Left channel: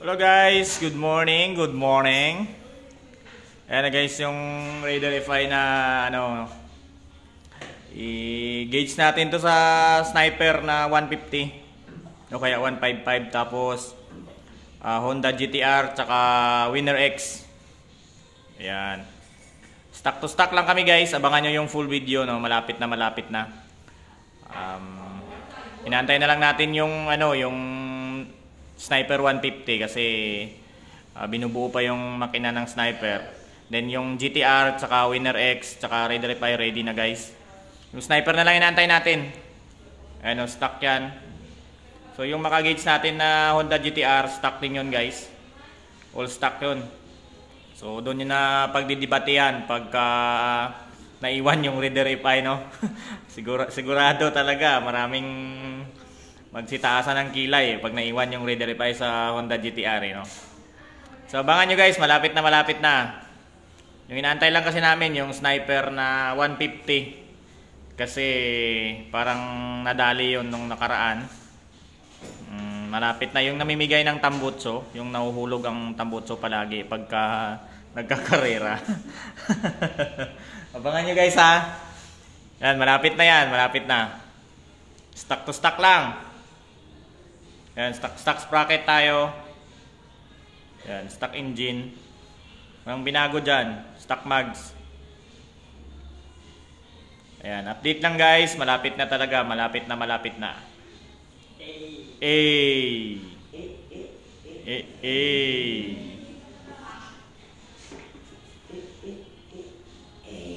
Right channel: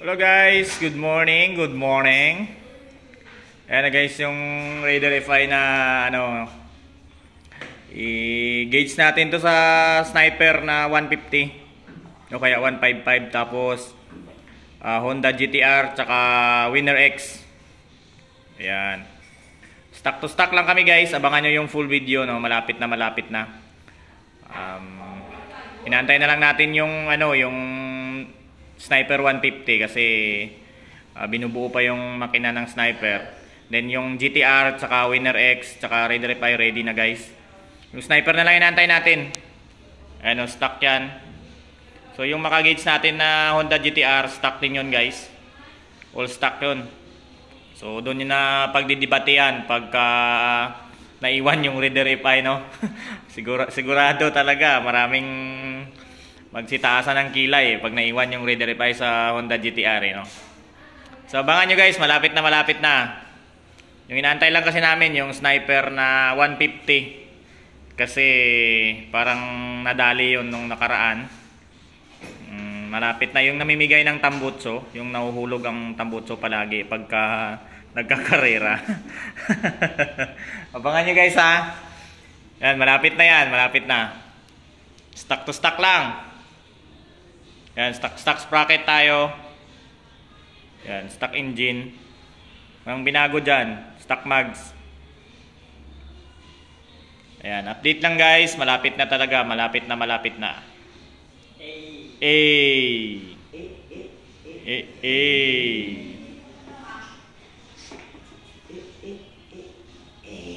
Hello guys, good morning, good morning. Ayan na guys yung Raider FI na i-gauge natin to sa sniper na 150 o kaya 155, tapos Honda GTR tsaka Winner X. Ayan, stock to stock lang kami guys, abangan nyo yung full video, no? Malapit na. Inaantay na lang natin yung yung Sniper 150 kasi binubuo pa yung makina ng Sniper. Then yung GTR tsaka Winner X tsaka Raider FI ready na guys. Yung Sniper na lang inaantay natin. Ano, stock yan. So yung makagauge natin na Honda GTR, stock din yun guys. All stock yun. So doon yun na pagdidibate yan pagka naiwan yung Raider FI, no? Sigurado talaga maraming magsitaasan ng kilay pag naiwan yung Raider FI sa Honda GTR, no? So abangan nyo guys, malapit na. Yung inaantay lang kasi namin yung Sniper na 150 kasi parang nadali yun nung nakaraan. Malapit na yung namimigay ng tambutso, yung nahuhulog ang tambutso palagi pagka nagkakarera. Abangan nyo guys, ha. Yan, malapit na. Stock to stock lang. Yan, stock sprocket tayo. Yan, stock engine. Ang binago dyan, stock mags. Ayan, update lang guys. Malapit na talaga, malapit na. Ay.